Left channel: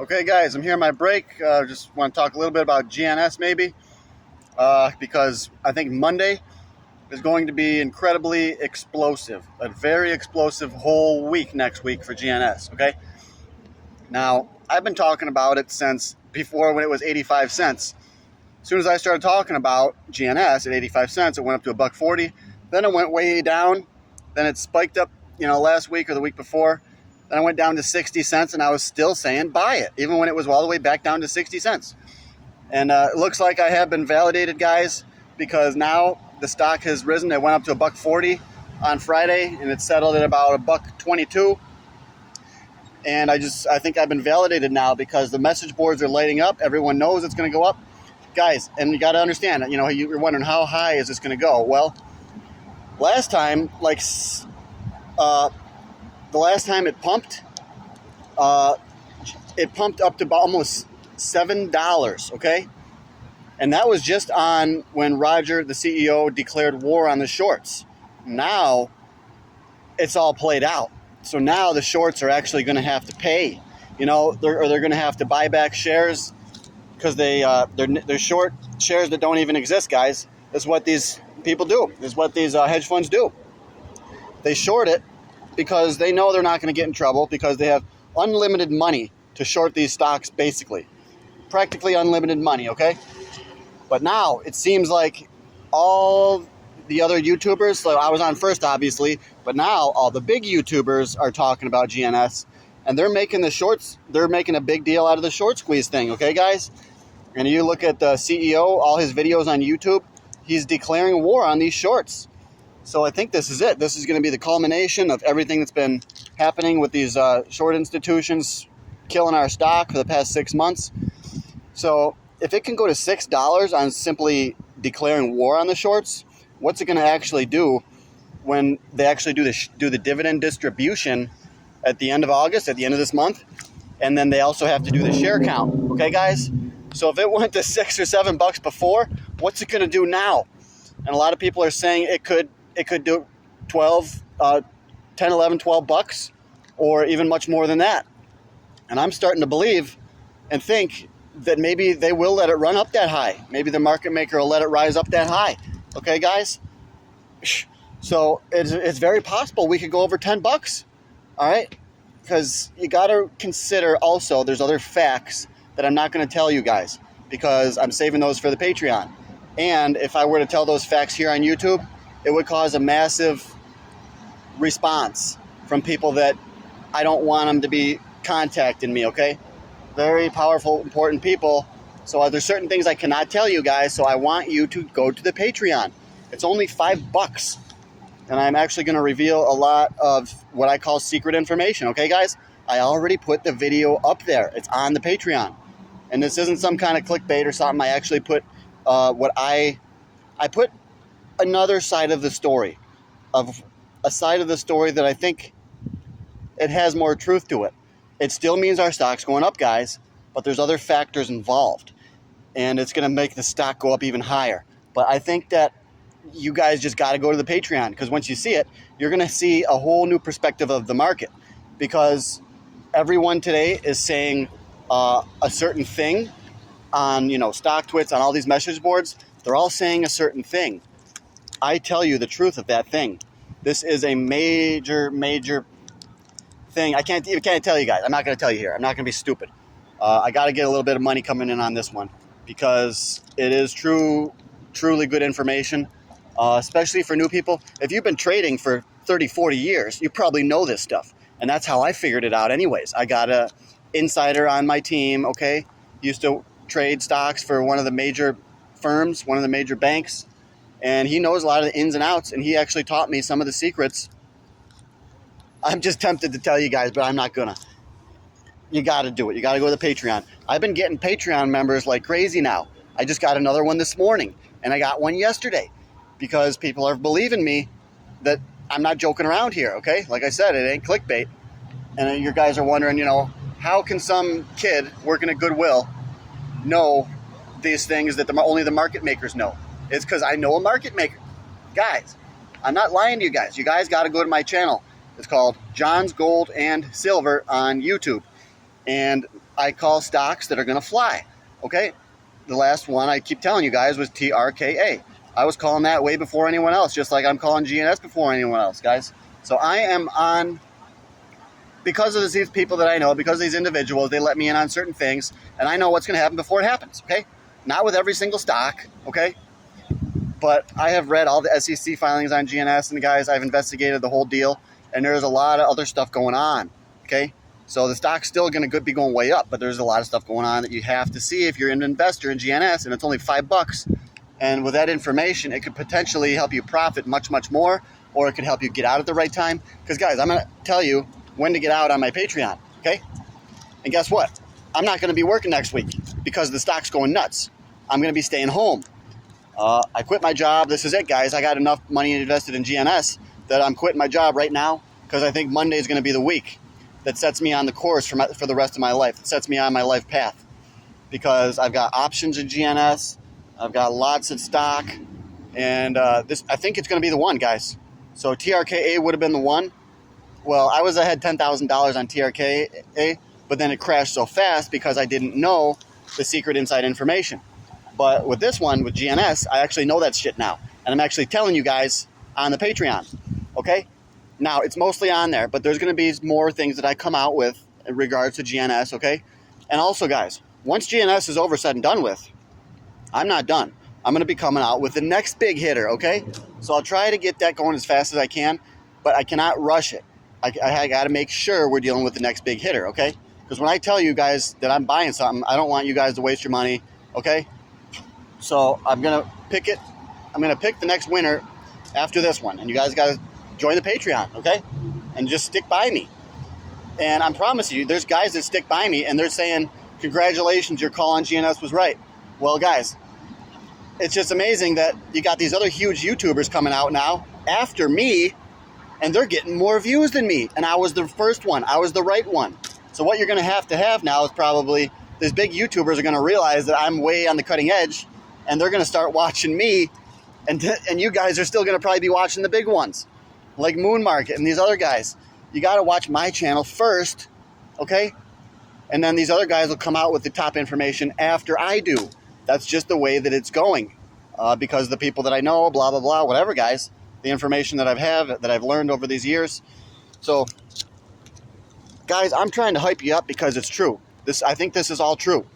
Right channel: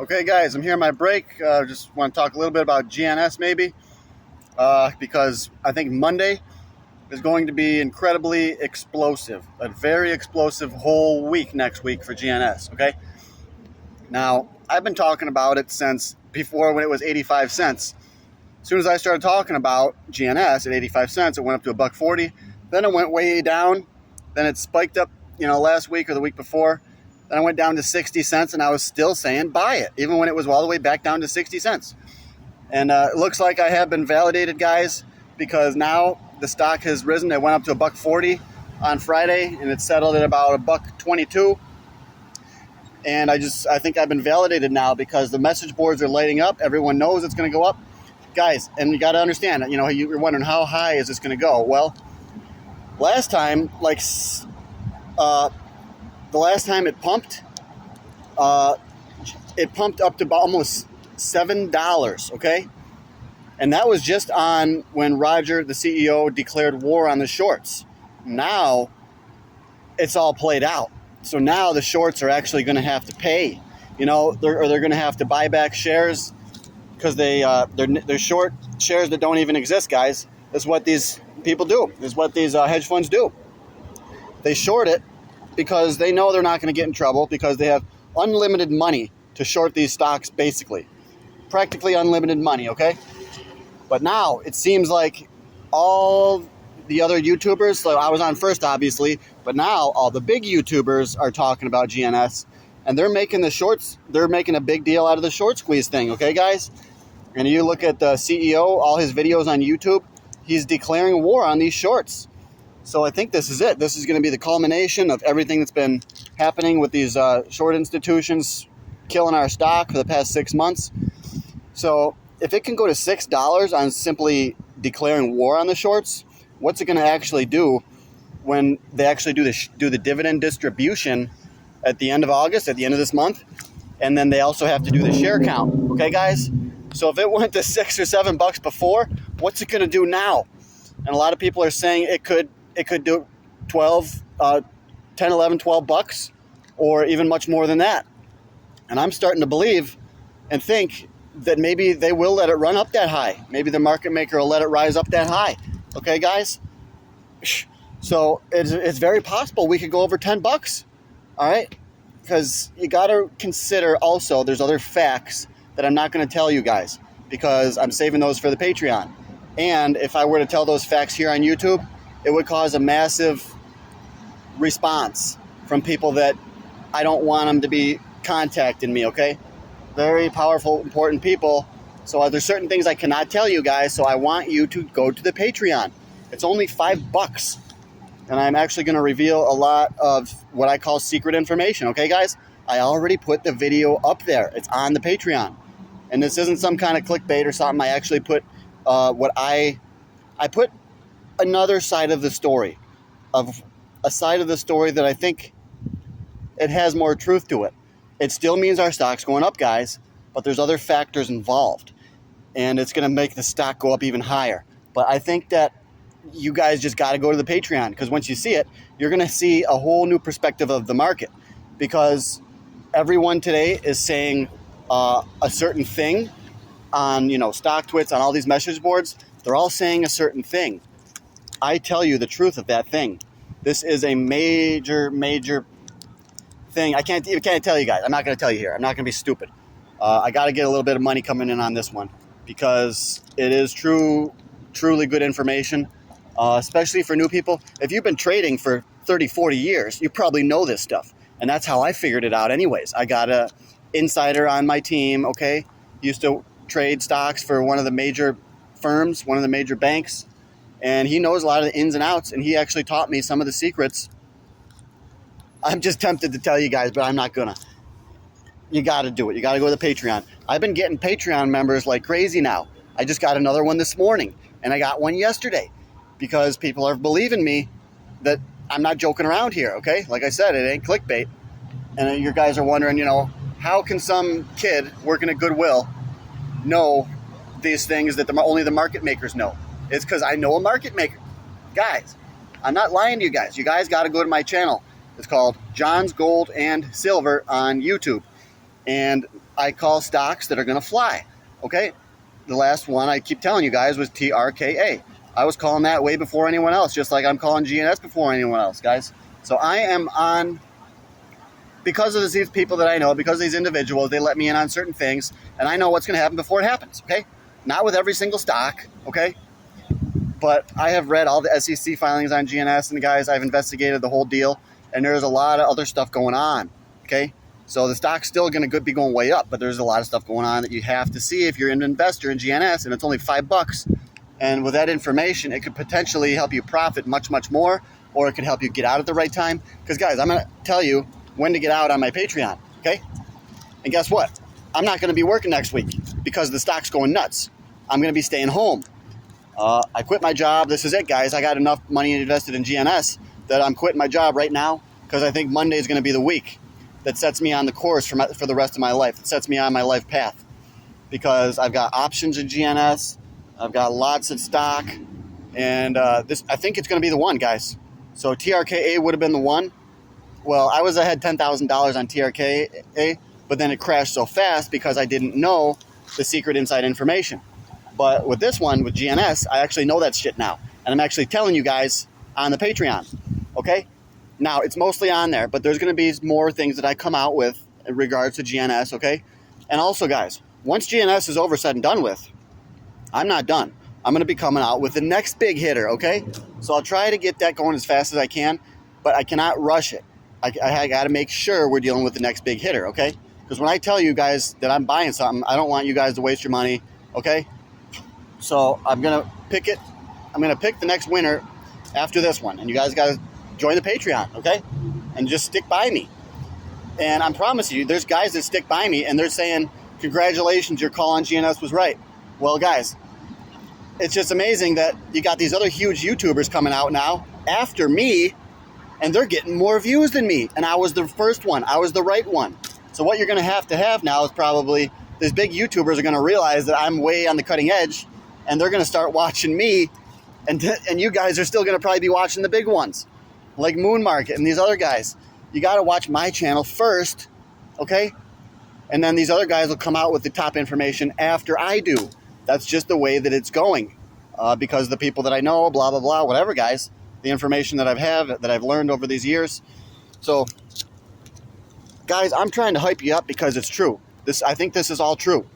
Okay guys, I'm here on my break. Just want to talk a little bit about GNS maybe, because I think Monday is going to be incredibly explosive. A very explosive whole week next week for GNS, okay? Now, I've been talking about it since before when it was 85 cents. As soon as I started talking about GNS at 85 cents, it went up to $1.40. Then it went way down. Then it spiked up, last week or the week before. Then I went down to 60 cents, and I was still saying buy it, even when it was all the way back down to 60 cents. And it looks like I have been validated, guys, because now the stock has risen. It went up to $1.40 on Friday, and it settled at about $1.22. And I think I've been validated now because the message boards are lighting up. Everyone knows it's going to go up. Guys, and you got to understand, you're wondering how high is this going to go? Well, last time, the last time it pumped up to almost $7, okay? And that was just on when Roger, the CEO, declared war on the shorts. Now, it's all played out. So now the shorts are actually going to have to pay, or they're going to have to buy back shares because they're short shares that don't even exist, guys. That's what these people do. This is what these hedge funds do. They short it because they know they're not going to get in trouble because they have unlimited money to short these stocks, basically. Practically unlimited money, okay? But now it seems like all the other YouTubers, so I was on first, obviously, but now all the big YouTubers are talking about GNS, and they're making a big deal out of the short squeeze thing, okay, guys? And you look at the CEO, all his videos on YouTube, he's declaring war on these shorts. So I think this is it. This is going to be the culmination of everything that's been happening with these short institutions killing our stock for the past 6 months. So if it can go to $6 on simply declaring war on the shorts, what's it going to actually do when they actually do the dividend distribution at the end of August, at the end of this month? And then they also have to do the share count. Okay, guys? So if it went to $6 or $7 before, what's it going to do now? And a lot of people are saying it could do 10, 11, 12 bucks, or even much more than that. And I'm starting to believe and think that maybe they will let it run up that high. Maybe the market maker will let it rise up that high. Okay, guys? So it's very possible we could go over 10 bucks. All right? Because you got to consider also there's other facts that I'm not going to tell you guys because I'm saving those for the Patreon. And if I were to tell those facts here on YouTube, it would cause a massive response from people that I don't want them to be contacting me, okay? Very powerful, important people. So there's certain things I cannot tell you guys, so I want you to go to the Patreon. It's only $5. And I'm actually going to reveal a lot of what I call secret information, okay, guys? I already put the video up there. It's on the Patreon. And this isn't some kind of clickbait or something. I actually put I put another side of the story, a side of the story that I think it has more truth to it. It still means our stock's going up, guys, but there's other factors involved, and it's going to make the stock go up even higher. But I think that you guys just got to go to the Patreon, because once you see it, you're going to see a whole new perspective of the market, because everyone today is saying a certain thing on, StockTwits, on all these message boards. They're all saying a certain thing. I tell you the truth of that thing. This is a major, major thing. I can't tell you guys. I'm not going to tell you here. I'm not going to be stupid. I got to get a little bit of money coming in on this one because it is truly good information, especially for new people. If you've been trading for 30, 40 years, you probably know this stuff. And that's how I figured it out anyways. I got a insider on my team, okay? Used to trade stocks for one of the major firms, one of the major banks. And he knows a lot of the ins and outs, and he actually taught me some of the secrets. I'm just tempted to tell you guys, but I'm not gonna. You gotta do it. You gotta go to the Patreon. I've been getting Patreon members like crazy now. I just got another one this morning, and I got one yesterday because people are believing me that I'm not joking around here, okay? Like I said, it ain't clickbait. And you guys are wondering, how can some kid working at Goodwill know these things that only the market makers know? It's because I know a market maker. Guys, I'm not lying to you guys. You guys got to go to my channel. It's called JONS Gold and Silver on YouTube. And I call stocks that are going to fly, okay? The last one I keep telling you guys was TRKA. I was calling that way before anyone else, just like I'm calling GNS before anyone else, guys. So I am on, because of these people that I know, because of these individuals, they let me in on certain things, and I know what's going to happen before it happens, okay? Not with every single stock, okay? But I have read all the SEC filings on GNS, and guys, I've investigated the whole deal, and there's a lot of other stuff going on, okay? So the stock's still going to be going way up, but there's a lot of stuff going on that you have to see if you're an investor in GNS, and it's only $5. And with that information, it could potentially help you profit much, much more, or it could help you get out at the right time. Because, guys, I'm going to tell you when to get out on my Patreon, okay? And guess what? I'm not going to be working next week because the stock's going nuts. I'm going to be staying home. I quit my job. This is it, guys. I got enough money invested in GNS that I'm quitting my job right now because I think Monday is going to be the week that sets me on the course for the rest of my life. It sets me on my life path because I've got options in GNS. I've got lots of stock, and I think it's going to be the one, guys. So TRKA would have been the one. Well, I had $10,000 on TRKA, but then it crashed so fast because I didn't know the secret inside information. But with this one, with GNS, I actually know that shit now, and I'm actually telling you guys on the Patreon, okay? Now, it's mostly on there, but there's going to be more things that I come out with in regards to GNS, okay? And also, guys, once GNS is over, said and done with, I'm not done. I'm going to be coming out with the next big hitter, okay? So I'll try to get that going as fast as I can, but I cannot rush it. I got to make sure we're dealing with the next big hitter, okay? Because when I tell you guys that I'm buying something, I don't want you guys to waste your money, okay? So I'm going to pick it. I'm going to pick the next winner after this one, and you guys got to join the Patreon, okay? And just stick by me. And I'm promising you, there's guys that stick by me, and they're saying, congratulations, your call on GNS was right. Well, guys, it's just amazing that you got these other huge YouTubers coming out now after me, and they're getting more views than me. And I was the first one. I was the right one. So what you're going to have now is probably these big YouTubers are going to realize that I'm way on the cutting edge, and they're going to start watching me, and you guys are still going to probably be watching the big ones, like Moon Market and these other guys. You got to watch my channel first, okay? And then these other guys will come out with the top information after I do. That's just the way that it's going. Because the people that I know, blah, blah, blah, whatever, guys, the information that I've learned over these years. So, guys, I'm trying to hype you up because it's true. I think this is all true.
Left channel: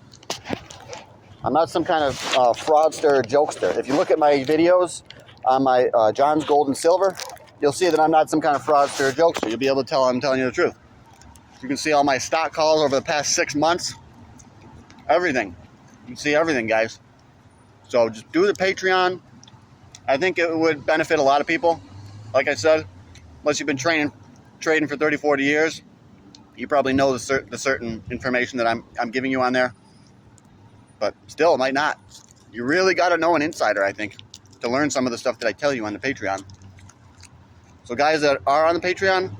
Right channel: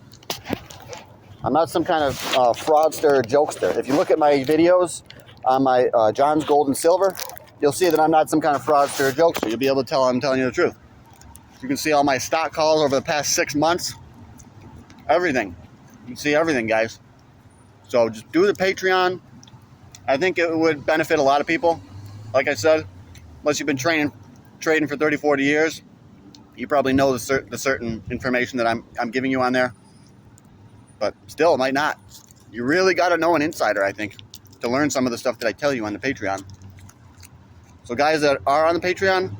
I'm not some kind of fraudster or jokester. If you look at my videos on my JONS Gold and Silver, you'll see that I'm not some kind of fraudster or jokester. You'll be able to tell I'm telling you the truth. You can see all my stock calls over the past 6 months. Everything. You can see everything, guys. So just do the Patreon. I think it would benefit a lot of people. Like I said, unless you've been trading for 30, 40 years, you probably know the certain information that I'm giving you on there. But still, it might not. You really got to know an insider, I think, to learn some of the stuff that I tell you on the Patreon. So guys that are on the Patreon,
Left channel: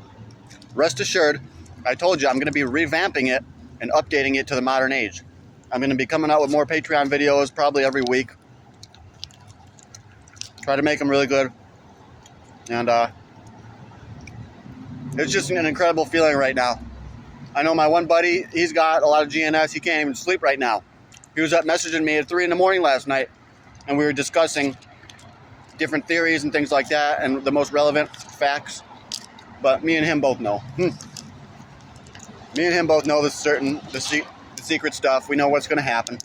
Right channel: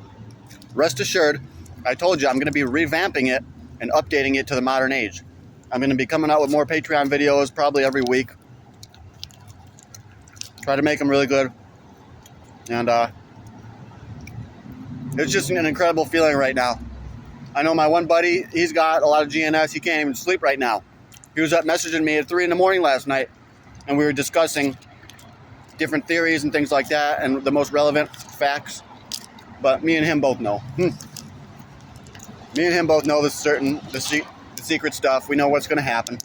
rest assured, I told you I'm going to be revamping it and updating it to the modern age. I'm going to be coming out with more Patreon videos probably every week. Try to make them really good. And it's just an incredible feeling right now. I know my one buddy, he's got a lot of GNS. He can't even sleep right now. He was up messaging me at 3 in the morning last night, and we were discussing different theories and things like that and the most relevant facts. But me and him both know. Me and him both know the secret stuff. We know what's going to happen.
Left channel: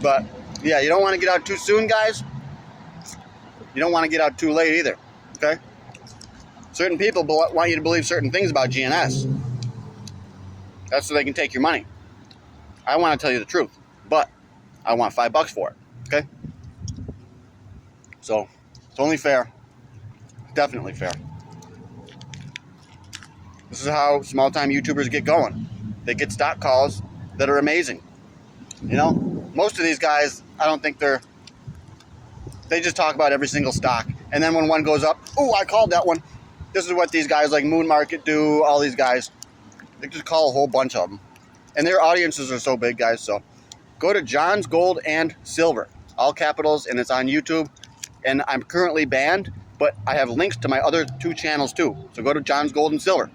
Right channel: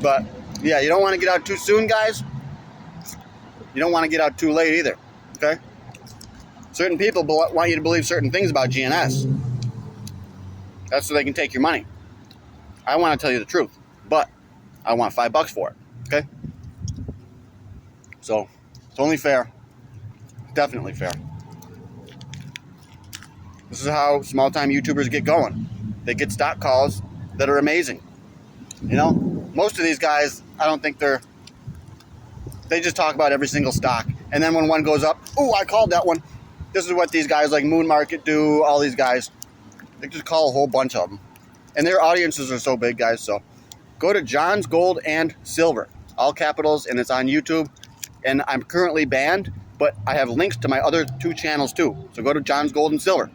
But yeah, you don't want to get out too soon, guys. You don't want to get out too late either, okay? Certain people want you to believe certain things about GNS. That's so they can take your money. I want to tell you the truth, but I want $5 for it, okay? So, it's only fair. Definitely fair. This is how small-time YouTubers get going. They get stock calls that are amazing. You know, most of these guys, I don't think they just talk about every single stock. And then when one goes up, oh, I called that one. This is what these guys like Moon Market do, all these guys. They just call a whole bunch of them. And their audiences are so big, guys. So go to JONS Gold and Silver, all capitals, and it's on YouTube. And I'm currently banned, but I have links to my other 2 channels too. So go to JONS Gold and Silver.